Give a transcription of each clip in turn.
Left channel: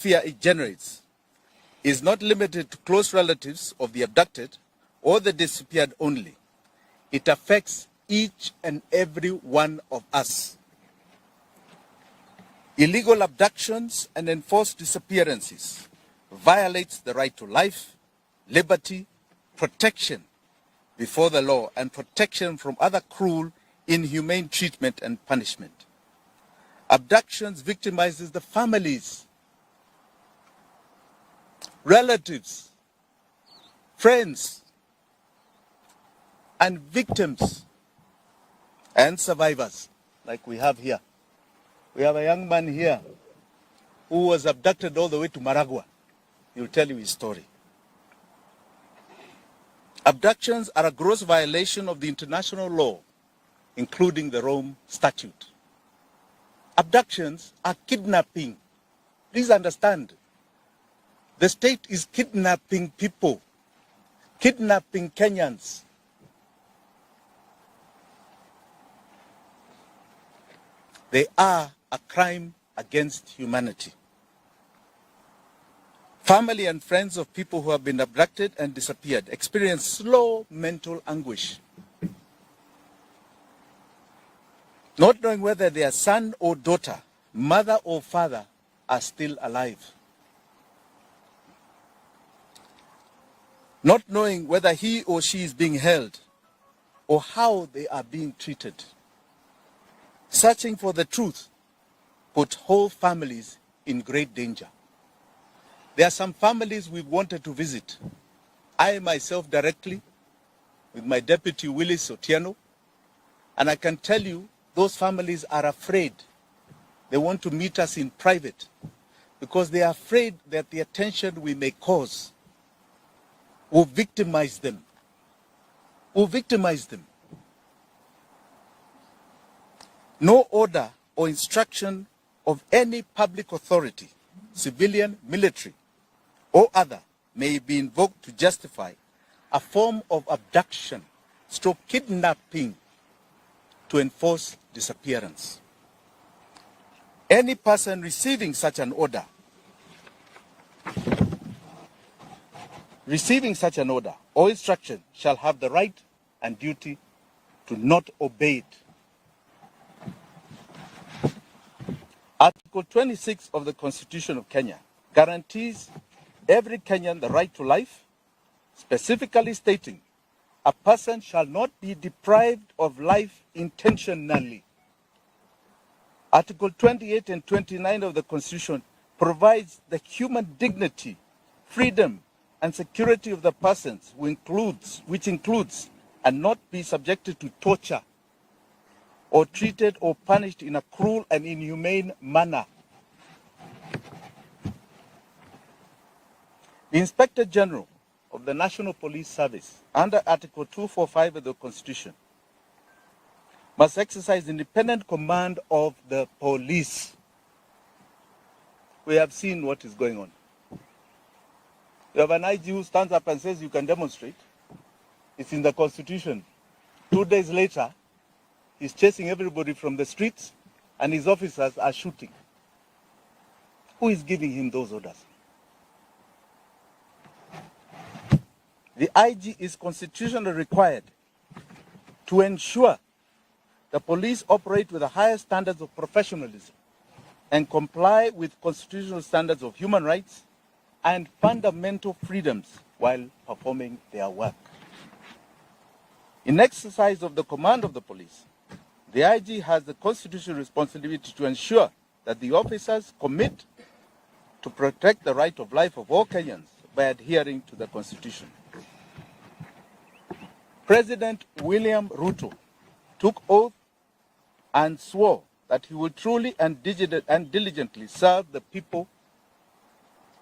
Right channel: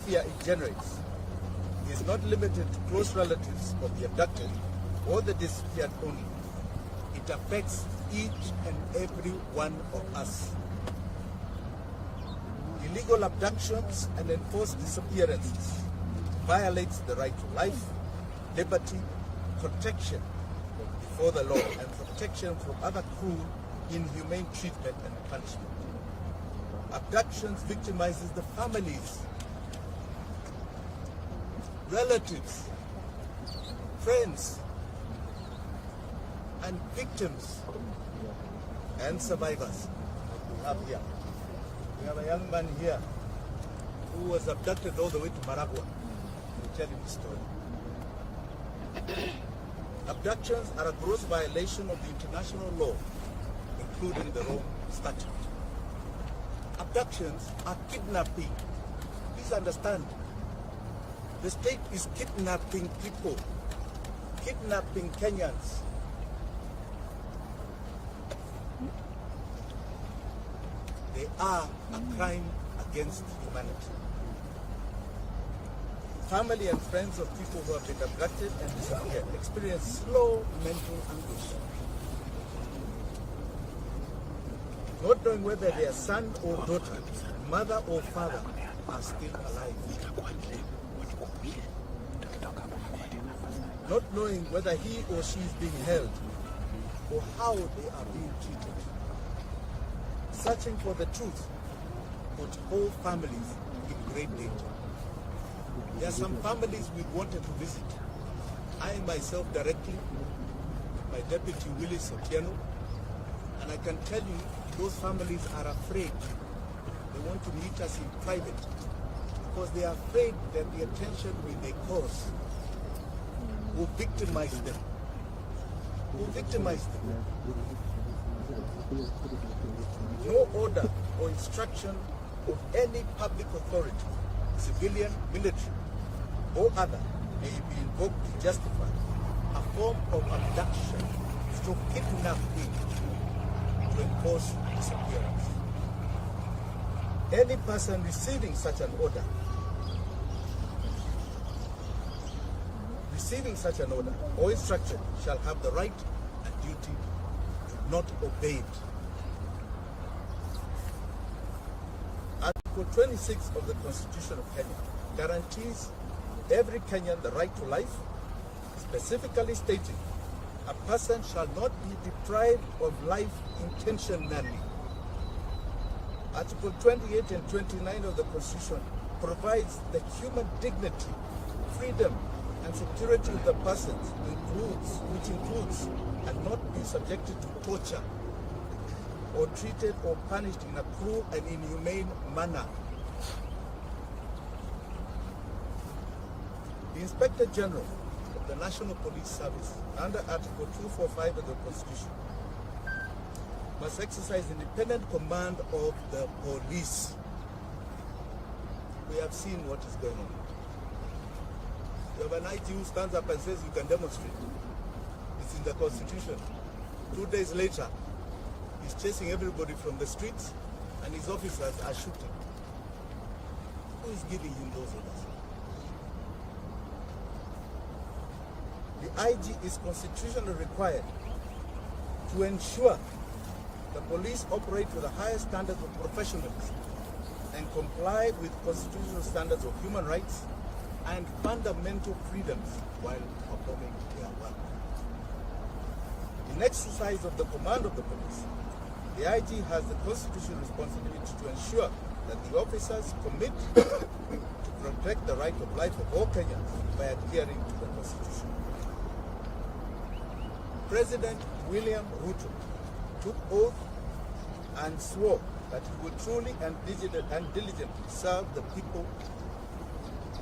fear it generates is not limited to close relatives of the abducted or the disappeared only. It affects each and every one of us. Illegal abductions and enforced disappearances violates the right to life, liberty, protection before the law, and protection from other cruel, inhumane treatment and punishment. Abductions victimizes the families, relatives, friends, and victims and survivors like we have here. We have a young man here who was abducted all the way to Maragua. He'll tell you his story. Abductions are a gross violation of the international law, including the Rome Statute. Abductions are kidnapping. Please understand. The state is kidnapping people, kidnapping Kenyans. They are a crime against humanity. Family and friends of people who have been abducted and disappeared experience slow mental anguish, not knowing whether their son or daughter, mother or father are still alive, not knowing whether he or she is being held or how they are being treated. Searching for the truth put whole families in great danger. There are some families we wanted to visit. I myself directly with my deputy Willis Otieno, and I can tell you those families are afraid. They want to meet us in private because they are afraid that the attention we may cause will victimize them. No order or instruction of any public authority, civilian, military, or other, may be invoked to justify a form of abduction, stroke kidnapping, to enforce disappearance. Any person receiving such an order, or instruction shall have the right and duty to not obey it. Article 26 of the Constitution of Kenya guarantees every Kenyan the right to life, specifically stating a person shall not be deprived of life intentionally. Article 28 and 29 of the Constitution provides the human dignity, freedom, and security of the persons, which includes and not be subjected to torture or treated or punished in a cruel and inhumane manner. The Inspector General of the National Police Service, under Article 245 of the Constitution, must exercise independent command of the police. We have seen what is going on. You have an IG who stands up and says you can demonstrate. It's in the Constitution. 2 days later, he's chasing everybody from the streets and his officers are shooting. Who is giving him those orders? The IG is constitutionally required to ensure the police operate with the highest standards of professionalism and comply with constitutional standards of human rights and fundamental freedoms while performing their work. In exercise of the command of the police, the IG has the constitutional responsibility to ensure that the officers commit to protect the right of life of all Kenyans by adhering to the Constitution. President William Ruto took oath and swore that he will truly and diligently serve the people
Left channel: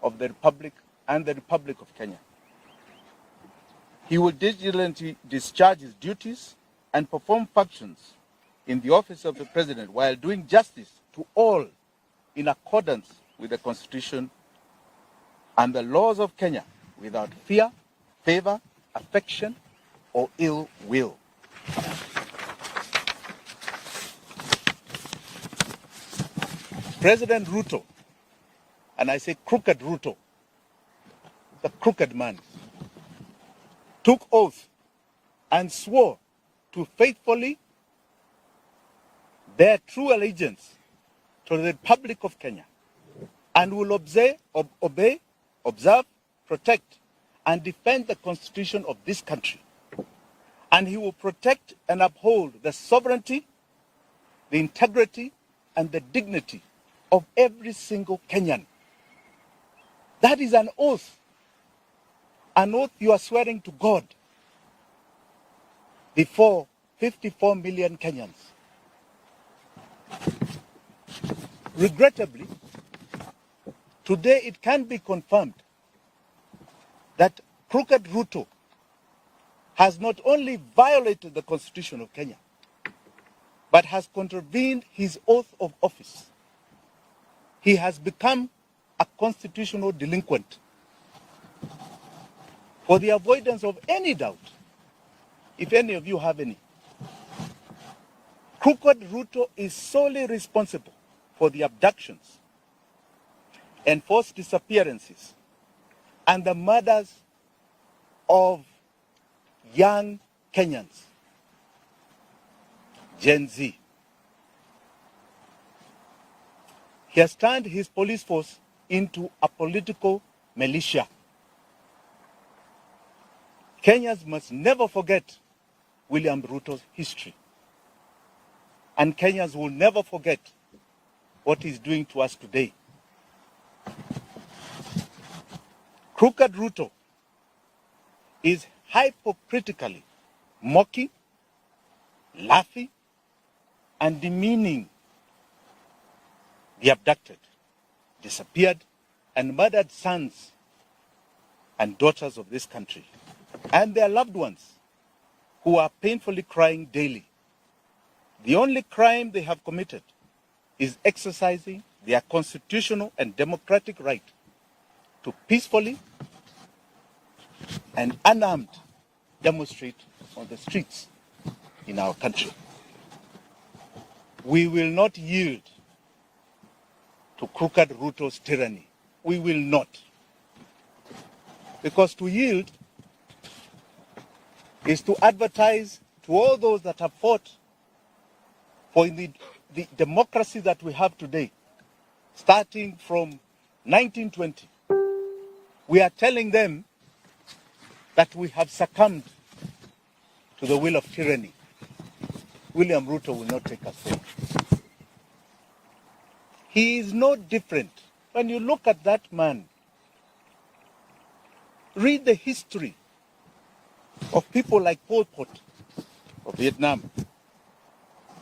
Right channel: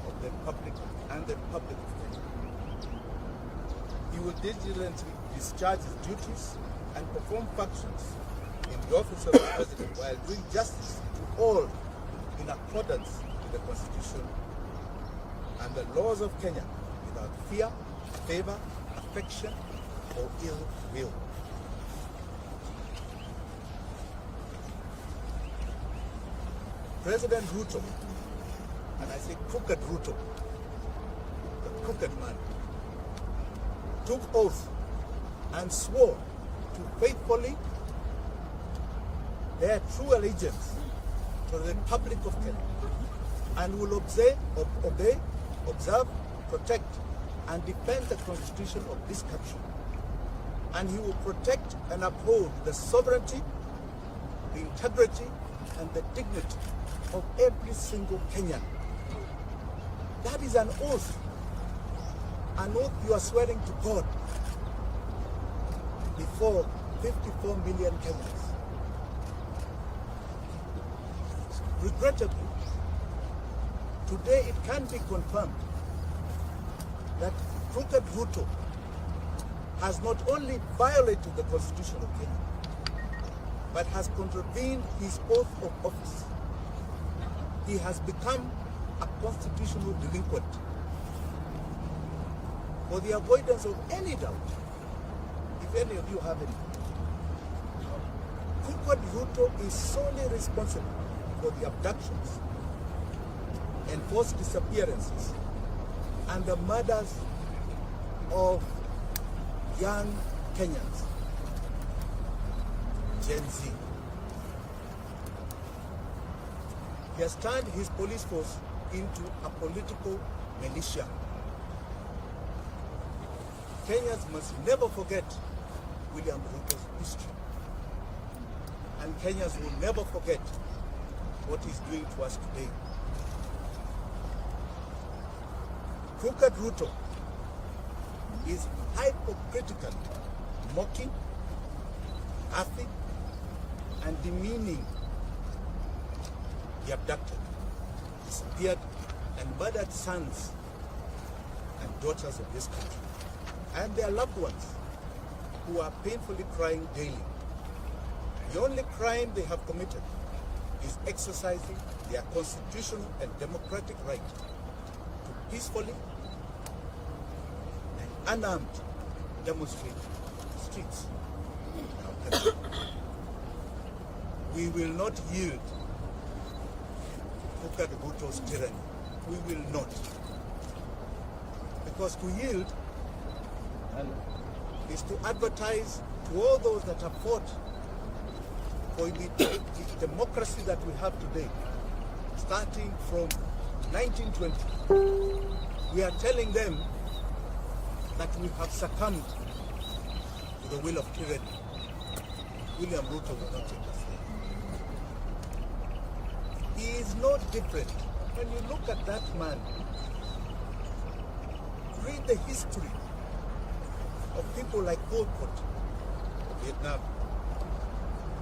of the Republic and the Republic of Kenya. He will diligently discharge his duties and perform functions in the office of the President while doing justice to all in accordance with the Constitution and the laws of Kenya without fear, favor, affection, or ill will. President Ruto and I say crooked Ruto, the crooked man, took oath and swore to faithfully bear true allegiance to the Republic of Kenya, and will obey, observe, protect, and defend the Constitution of this country. And he will protect and uphold the sovereignty, the integrity, and the dignity of every single Kenyan. That is an oath you are swearing to God before 54 million Kenyans. Regrettably, today it can be confirmed that crooked Ruto has not only violated the Constitution of Kenya, but has contravened his oath of office. He has become a constitutional delinquent. For the avoidance of any doubt, if any of you have any, crooked Ruto is solely responsible for the abductions, enforced disappearances, and the murders of young Kenyans, Gen Z. He has turned his police force into a political militia. Kenyans must never forget William Ruto's history. And Kenyans will never forget what he's doing to us today. Crooked Ruto is hypocritically mocking, laughing, and demeaning the abducted, disappeared, and murdered sons and daughters of this country, and their loved ones who are painfully crying daily. The only crime they have committed is exercising their constitutional and democratic right to peacefully and unarmed demonstrate on the streets in our country. We will not yield to crooked Ruto's tyranny. We will not. Because to yield is to advertise to all those that have fought for the democracy that we have today, starting from 1920. We are telling them that we have succumbed to the will of tyranny. William Ruto will not take us there. He is no different. When you look at that man, read the history of people like Pol Pot of Vietnam,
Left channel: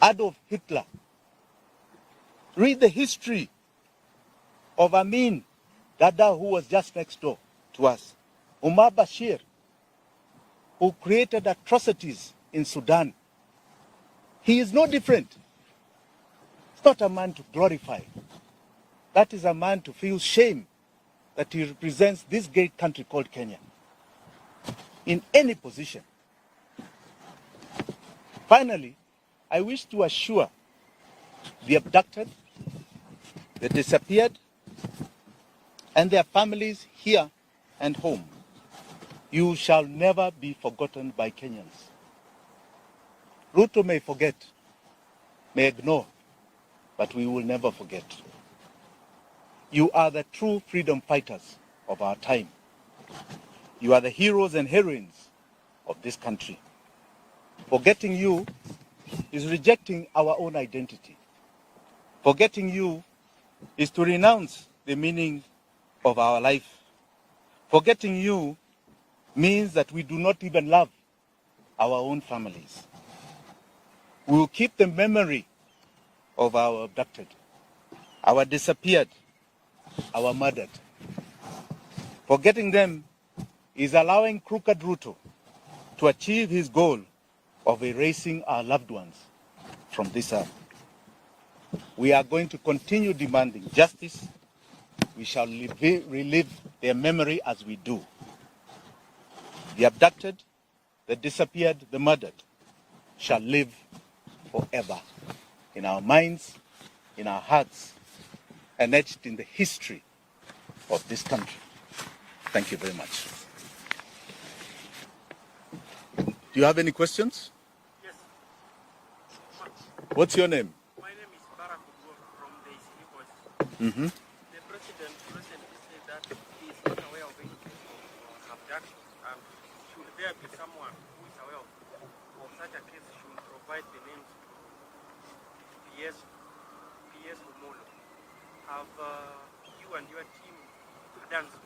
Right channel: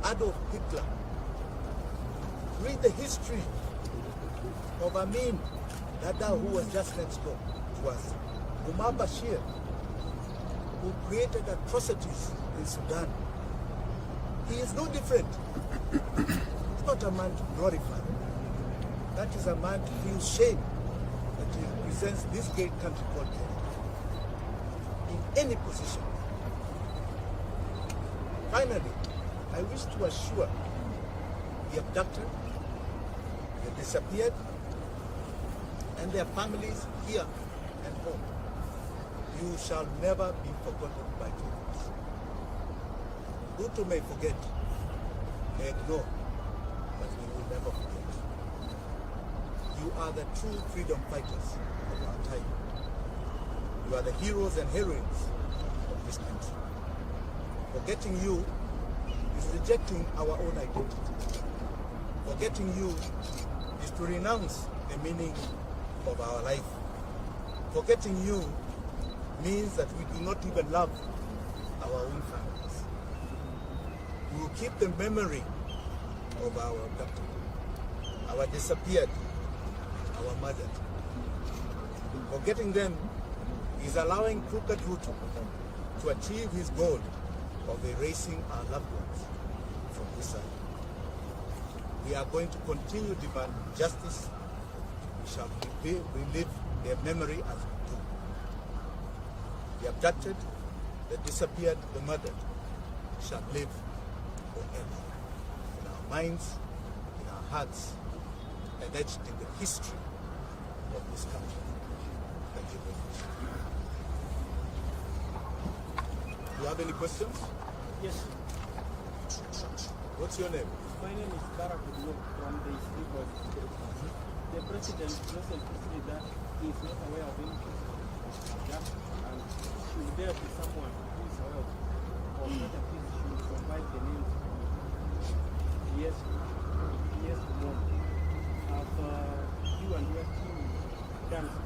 Adolf Hitler. Read the history of Amin Dada, who was just next door to us, Umar Bashir, who created atrocities in Sudan. He is no different. It's not a man to glorify. That is a man to feel shame that he represents this great country called Kenya in any position. Finally, I wish to assure the abducted, the disappeared, and their families here and home, you shall never be forgotten by Kenyans. Ruto may forget, may ignore, but we will never forget. You are the true freedom fighters of our time. You are the heroes and heroines of this country. Forgetting you is rejecting our own identity. Forgetting you is to renounce the meaning of our life. Forgetting you means that we do not even love our own families. We will keep the memory of our abducted, our disappeared, our murdered. Forgetting them is allowing crooked Ruto to achieve his goal of erasing our loved ones from this earth. We are going to continue demanding justice. We shall relive their memory as we do. The abducted, the disappeared, the murdered shall live forever in our minds, in our hearts, and etched in the history of this country. Thank you very much. Do you have any questions? Yes. What's your name? My name is Barack from the City Voice. Mm-hmm. The president recently said that he is not aware of any case of abduction, and should there be someone who is aware of such a case, should provide the names to PS Kumon. Have you and your team done so?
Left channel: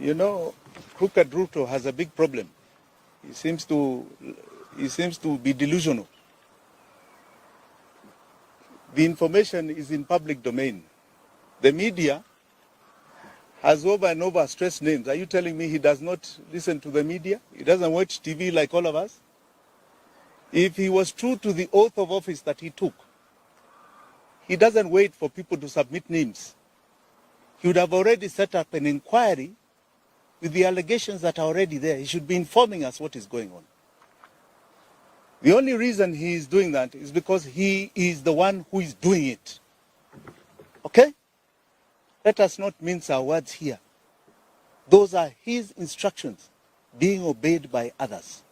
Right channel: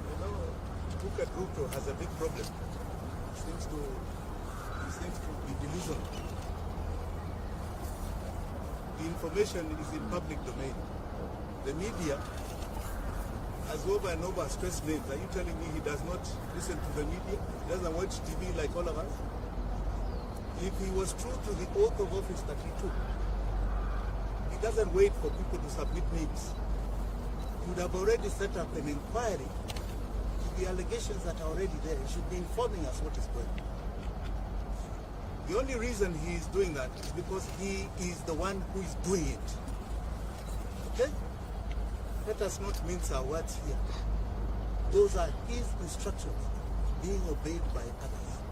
You know, Crooked Ruto has a big problem. He seems to be delusional. The information is in public domain. The media has over and over stressed names. Are you telling me he does not listen to the media? He doesn't watch TV like all of us? If he was true to the oath of office that he took, he doesn't wait for people to submit names. He would have already set up an inquiry with the allegations that are already there. He should be informing us what is going on. The only reason he is doing that is because he is the one who is doing it. Okay? Let us not mince our words here. Those are his instructions being obeyed by others.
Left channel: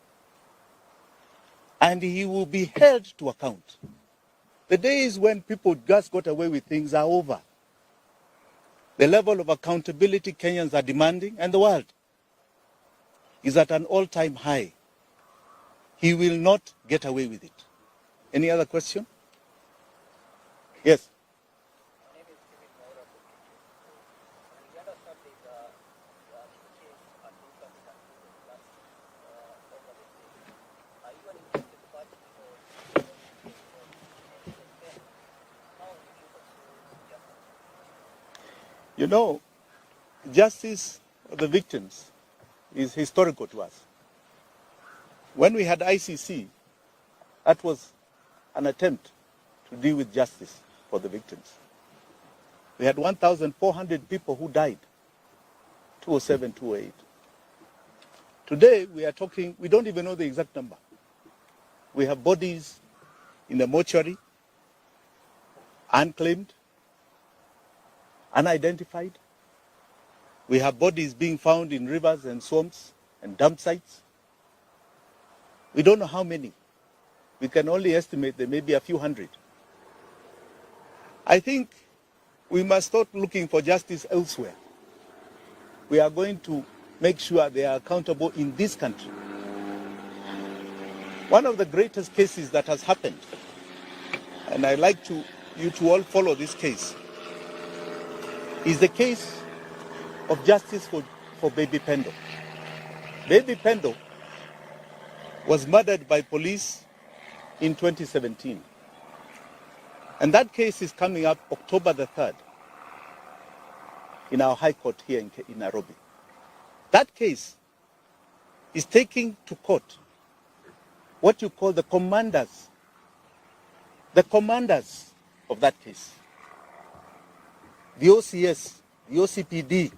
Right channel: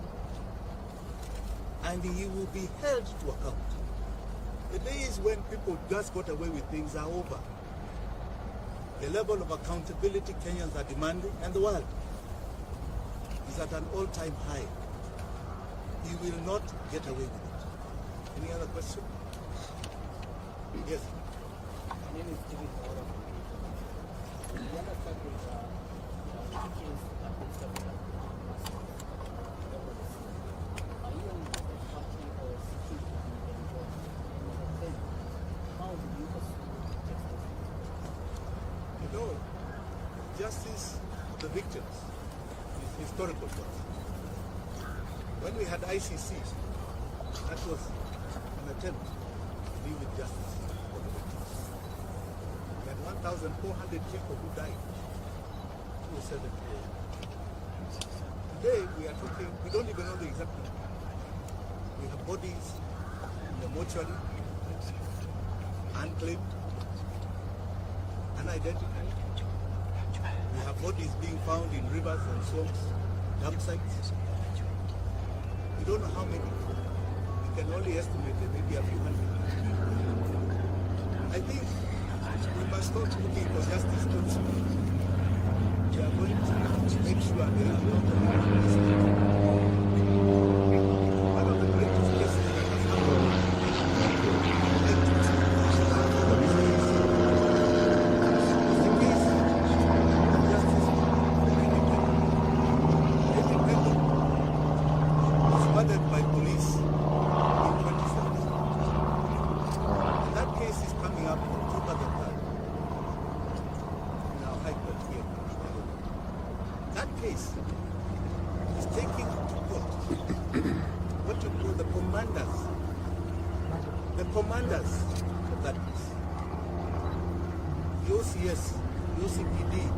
And he will be held to account. The days when people just got away with things are over. The level of accountability Kenyans are demanding, and the world, is at an all-time high. He will not get away with it. Any other question? Yes. My name is Jimi from Order from the other topic, teachers have been stopped at are you an interested party or seeking to get involved in any of them? How do you pursue justice? You know, justice for the victims is historical to us. When we had ICC, that was an attempt to deal with justice for the victims. We had 1,400 people who died, 2007, 2008. Today, we are talking, we don't even know the exact number. We have bodies in the mortuary, unclaimed, unidentified. We have bodies being found in rivers and swamps and dump sites. We don't know how many. We can only estimate there may be a few hundred. I think we must start looking for justice elsewhere. We are going to make sure they are accountable in this country. One of the greatest cases that has happened, and I like you to all follow this case, is the case of justice for Baby Pendo. Baby Pendo was murdered by police in 2017. And that case is coming up October the 3rd in our High Court here in Nairobi. That case is taking to court what you call the commanders of that case. The OCS, the OCPD,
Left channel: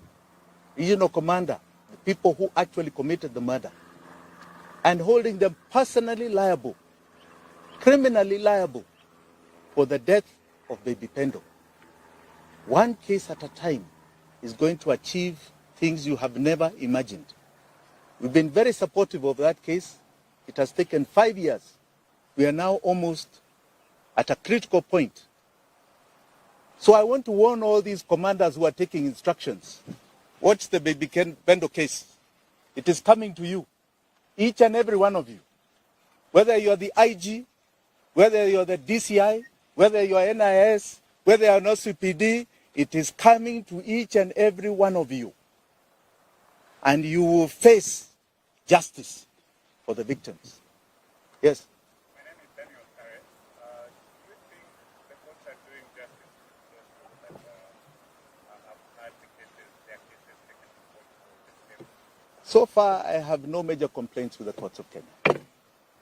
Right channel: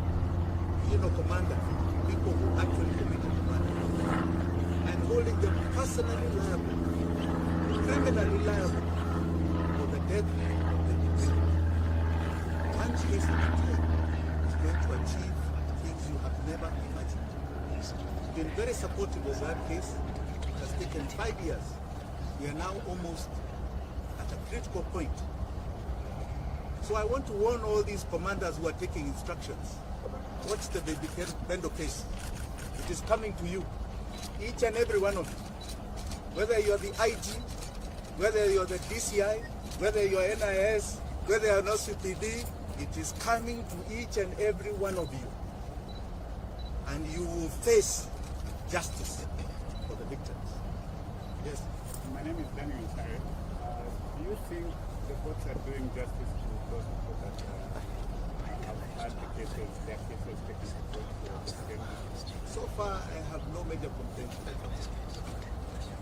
regional commander, people who actually committed the murder, and holding them personally liable, criminally liable for the death of Baby Pendo. One case at a time is going to achieve things you have never imagined. We've been very supportive of that case. It has taken 5 years. We are now almost at a critical point. So I want to warn all these commanders who are taking instructions. Watch the Baby Pendo case. It is coming to you. Each and every one of you. Whether you're the IG, whether you're the DCI, whether you're NIS, whether you're an OCPD, it is coming to each and every one of you. And you will face justice for the victims. Yes? My name is Daniel Sare. Do you think the courts are doing justice to those people that have had the cases, their cases taken to court for the same issue? So far, I have no major complaints with the court system.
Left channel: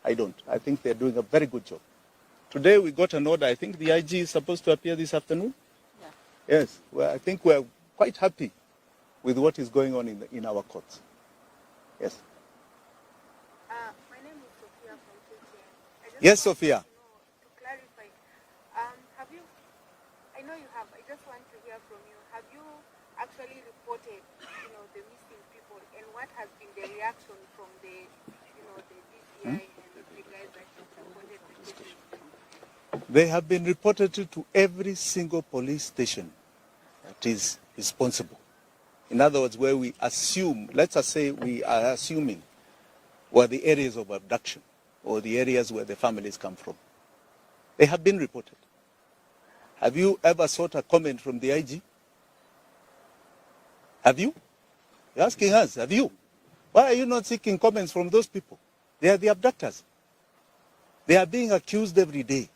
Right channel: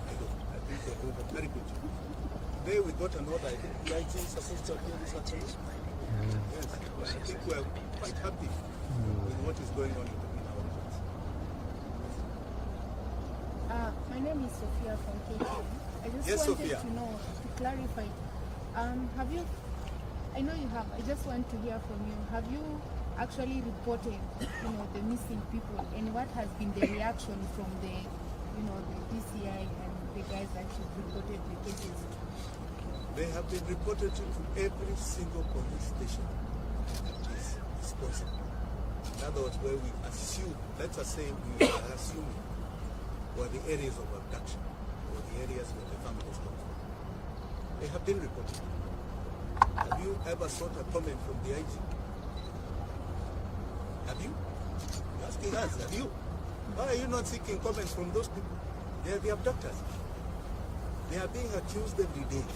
I don't. I think they're doing a very good job. Today we got an order. I think the IG is supposed to appear this afternoon. Yes. Well, I think we're quite happy with what is going on in our courts. Yes. My name is Sophia from KTNNews. Yes, Sophia. To clarify, have you I know you have. I just want to hear from you. Have you actually reported, the missing people, and what has been the reaction from the, the DCI and the guys that you've reported the cases? They have been reported to every single police station that is responsible. In other words, where we assume, let's just say we are assuming, were the areas of abduction or the areas where the families come from. They have been reported. Have you ever sought a comment from the IG? Have you? You're asking us, have you? Why are you not seeking comments from those people? They are the abductors. They are being accused every day.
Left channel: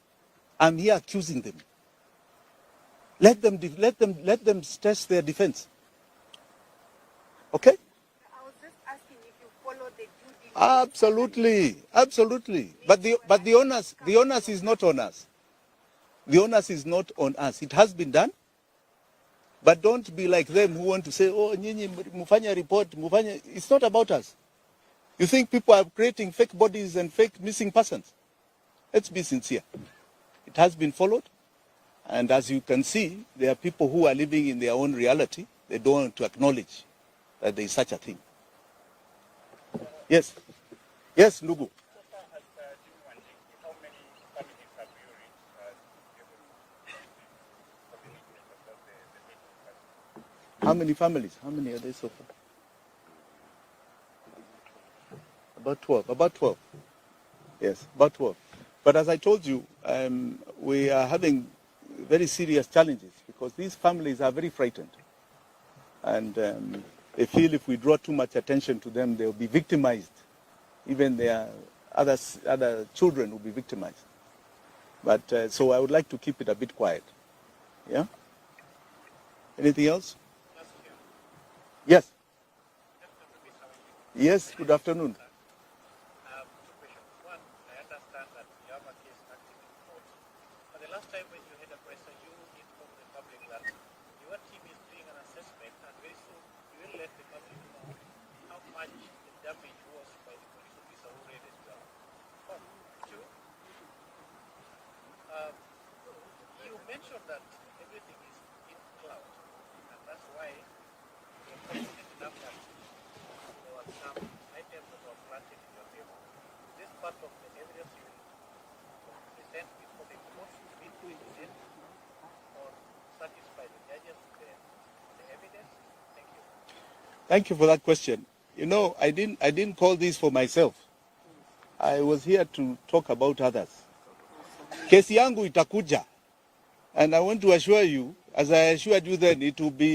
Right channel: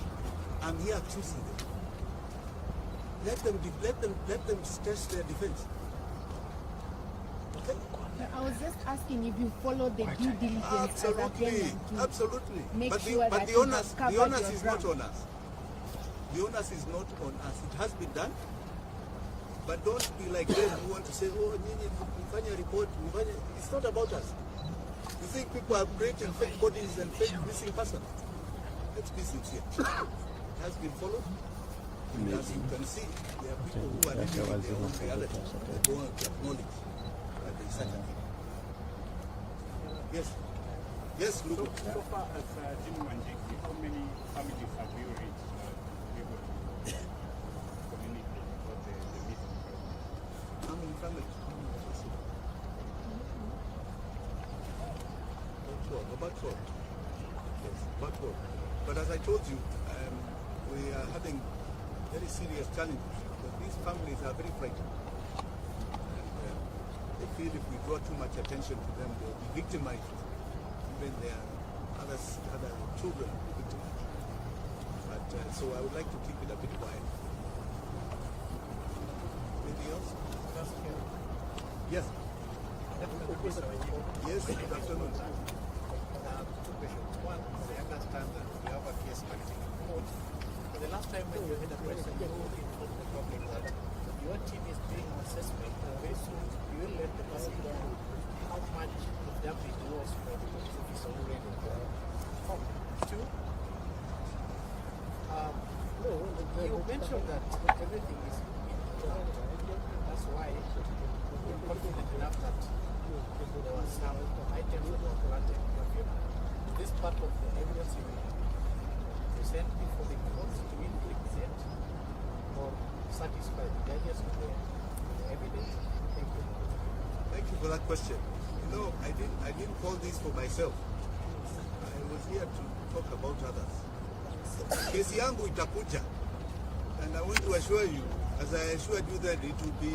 I'm here accusing them. Let them stress their defense. Okay? I was just asking if you follow the due diligence. Absolutely, absolutely. But the onus is not on us. The onus is not on us. It has been done. But don't be like them who want to say, oh, nyinyi mufanya report, mufanya. It's not about us. You think people are creating fake bodies and fake missing persons? Let's be sincere. It has been followed. And as you can see, there are people who are living in their own reality. They don't want to acknowledge that there is such a thing. Yes. Yes, Lugu. So far as Jimi Wanjigi, how many families have you reached to be able to communicate about the missing person? How many families? How many are there so far? About 12. About 12. Yes, about 12. But as I told you, we are having very serious challenges because these families are very frightened. And they feel if we draw too much attention to them, they'll be victimized. Even their other children will be victimized. But so I would like to keep it a bit quiet. Yeah? Anything else? Yes. Yes, good afternoon. Two questions. One, I understand that you have a case active in court. But the last time when you had a press and you informed the public that your team is doing an assessment and very soon you will let the person know how much the damage was by the police officer who raided the home. Two, you mentioned that everything is in plan, and that's why you're confident enough that there were some items that were planted in your favor. This part of the evidence you will present before the court to present or satisfy the judges with the evidence? Thank you. Thank you for that question. You know, I didn't call this for myself. I was here to talk about others. Kesi yangu itakuja. And I want to assure you, as I assured you then, it will be